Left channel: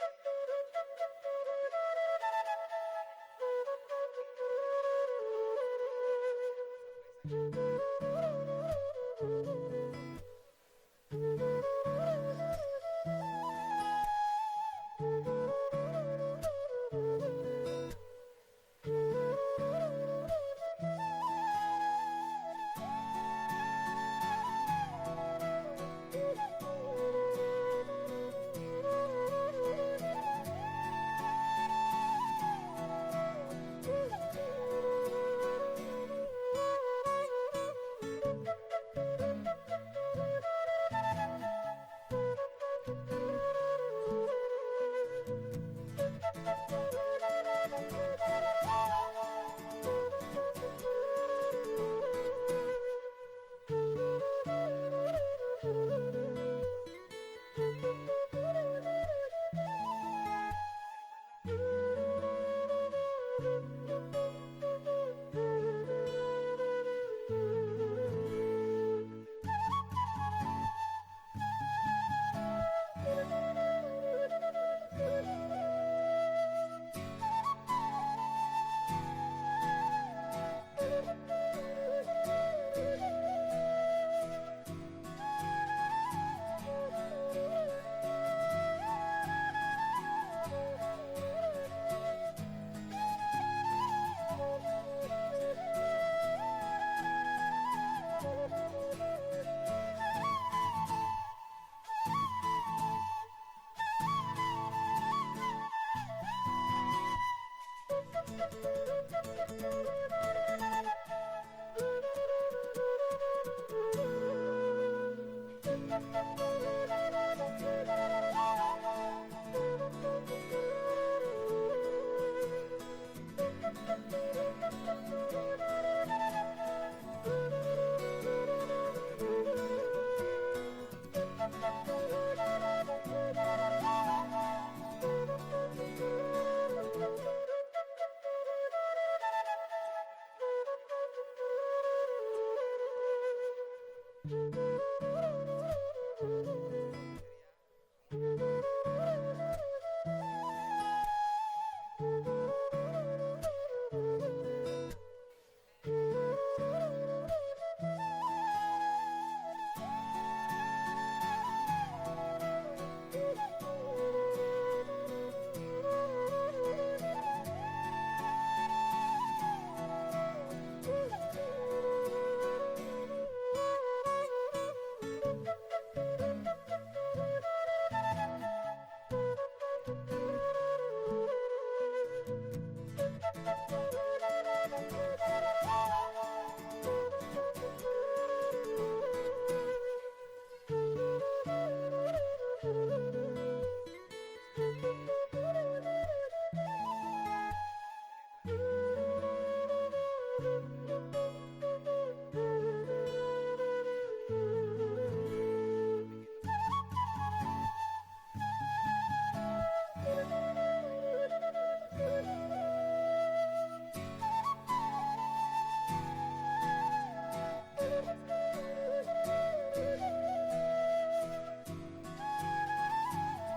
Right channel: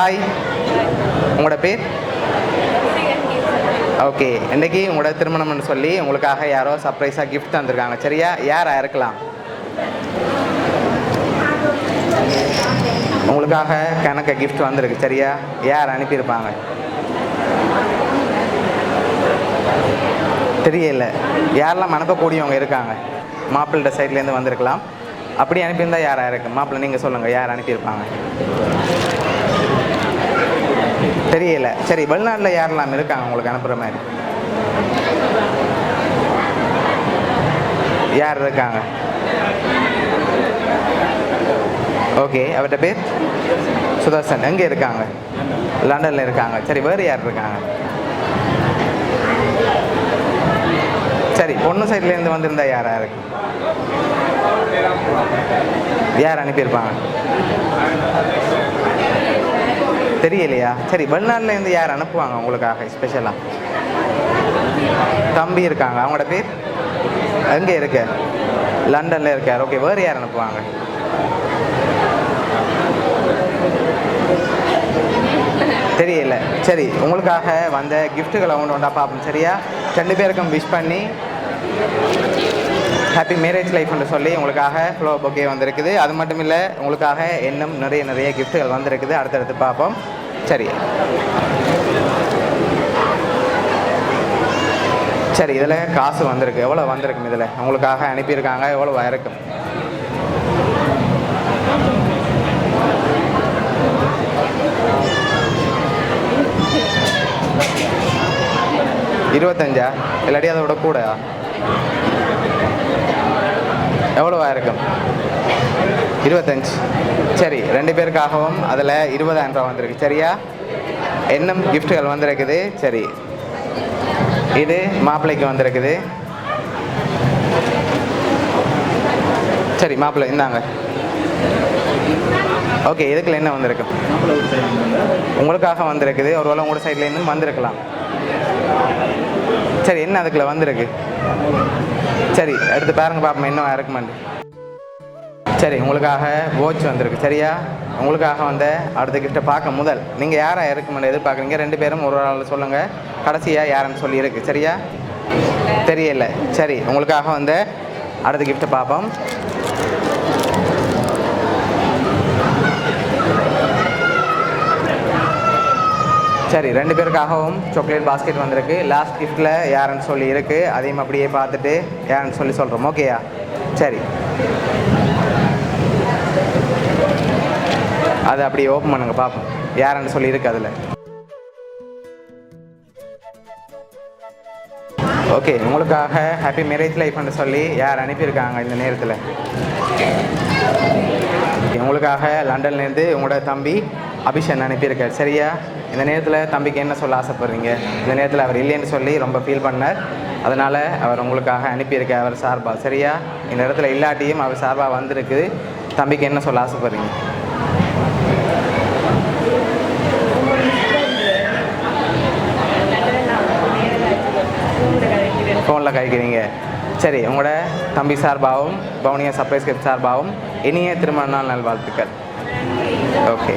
Hi, உங்களோட பேர்? Okay, இன்றைக்கி உங்களோட திருமணம்னு சொல்லி உங்களுக்காக யாரோ சர்ப்ரைஸாக கிஃப்ட் தந்திருக்காங்க. சரியா? யாராக இருக்கலாம்? உங்களுக்காக கணக்க கிஃப்ட் வந்திருக்கு. சரியா? யார் அனுப்பியிருப்பாங்க? தெரியல. யாரெல்லாம் அனுப்பக்கூடியவங்க இருக்காங்க? மாப்பிள்ளை சைட்லேருந்து வந்திருக்கலாம். அப்படி அனுப்பியிருந்தால் யாராக இருக்கு? மாப்பிள்ளை நீங்கள் சொல்லுங்கள், யார் அனுப்பியிருப்பாங்க? தெரியல. சரி, வெளிநாட்டில் யாரெல்லாம் இருக்காங்க உங்களுக்கு அனுப்புகிற மாதிரி? யார் இருக்காங்க? ஓகே, அவர்கிட்ட பேர் சுதர்சன். எங்கே இருக்காங்க? லண்டனில் இருக்காங்க. சரி, வேறு யார் இருக்காங்க? சரி, பொண்ணு சைட்லேருந்து வந்திருந்தா யாராக இருக்கு? யார் அனுப்பியிருப்பாங்க? தெரியலையா? சரி, வெளிநாட்டிலேருந்து யார் அனுப்புவாங்க உங்களுக்காக ஸ்பெஷலாக? தம்பி இருக்காங்க. அவங்களோட பேர்? எங்கே இருக்க? லண்டனில் இருக்கார். ஓகே, வேறு யார் அனுப்புவாங்க? தெரியல. சரி, உங்களுக்காக வந்த கிஃப்ட்டுகளை ஒன்றா பார்ப்போம். சரியா? 2 பேருக்கும் விஷ் பண்ணி ஹாப்பி மேரேஜ் லைஃப்னு சொல்லி உங்களுக்காக ஃப்ளவர் பொக்கே வந்திருக்குது. அது மட்டும் இல்லை, உங்களுக்காக இன்னும் நிறைய கிஃப்ட்டுகள் வந்திருக்குது. அடுத்தடுத்து பார்ப்போம். சரி சரி, இதில் காசு வந்திருக்கு. எவ்வளோ வந்திருக்கும்? இதில் உங்களுக்காக அனுப்பியிருக்காங்க. எவ்வளோ இருக்கும்? $25 இல்லாட்டி அதை விட கூட? எவ்வளோ இருக்கும்? 25. சரி, 2 பேருக்காகவும் அதில் 20,000 ரூபா வந்திருக்கு. சரியா? இன்னும் கிஃப்ட்டுகள் வந்திருக்குது. சரி, இது மாப்பிள்ளைக்கு வந்திருக்குது. சரி, மாப்பிள்ளை இந்தாங்க. ஓகே, இதுக்குள்ள என்ன வந்திருக்கு? உங்களுக்காக வந்திருக்குது. ஒருவேளை உங்களோட சைட்லேருந்து வந்திருக்கலாம். சரி, என்ன அதுக்குள்ள வந்திருக்கு? சரி, எடுத்து பாருங்க பார்ப்போம் இன்னும் இருக்குமான்னு. சரி, உங்களுக்காக வாட்ச் வந்திருக்கு. சரியா? உங்களுக்காக வந்த அடுத்த கிஃப்ட்டை பார்க்க முதல் நீங்கள் யாராக இருக்குமென்னு எதிர்பார்க்குறீங்க? 2 பேரும் ஒரு ஆள் சொல்லுங்கள். கடைசியாக யாருன்னு சொல்லி இருக்கு. சரியா? தெரியல. சரி, உங்களுக்காக வந்த அடுத்த கிஃப்ட்டை பார்ப்போம். சரி, 2 பேருக்காகவும் சாக்லேட் பாஸ்கெட் வந்திருக்கு. லாஸ்ட் கிஃப்ட்டில் யாருன்னு சொல்லி இருக்குது. அதையும் அப்படியே பார்த்துட்டு யாருன்னு சொல்லி சொல்கிறோம். ஓகேயா? சரி, அதை அப்படியே ஓப்பன் பண்ணுங்க பார்ப்போம் யாருன்னு சொல்லி இருக்கு அதில். ஓகே, உங்களுக்காக ஹாப்பி மேரேஜ் லைஃப்னு சொல்லி யார் அனுப்பியிருக்காங்க இந்த நேரத்தில்? உங்களுக்காக லண்டன்லேருந்து உங்களோட தம்பி அபிஷன் அனுப்பியிருக்கார். சரியா? இந்த நேரத்தில் தம்பிக்கு என்ன சொல்ல ஆசைப்படுறீங்க? இந்த நேரத்தில் அவர் இல்லைன்னு சொல்லி ரொம்ப ஃபீல் பண்ணார். அதனால் அவர் உங்களுக்காக அனுப்பியிருக்கார் அவர் சார்பாக. சரியா? இந்த இடத்துல இல்லாட்டியும் அவர் சார்பாக வந்திருக்குது. தம்பிக்கு என்ன சொல்ல ஆசைப்படுறீங்க? ஃபோனில் கழிக்கிறீங்க. சரி, உங்களோட தம்பி சார்பாகவும் பவுனியா சர்ப்ரைஸ் கிஃப்ட் சார்பாகவும் இனிய திருமண நாள் நல்வாழ்த்துக்கள். ஓகே.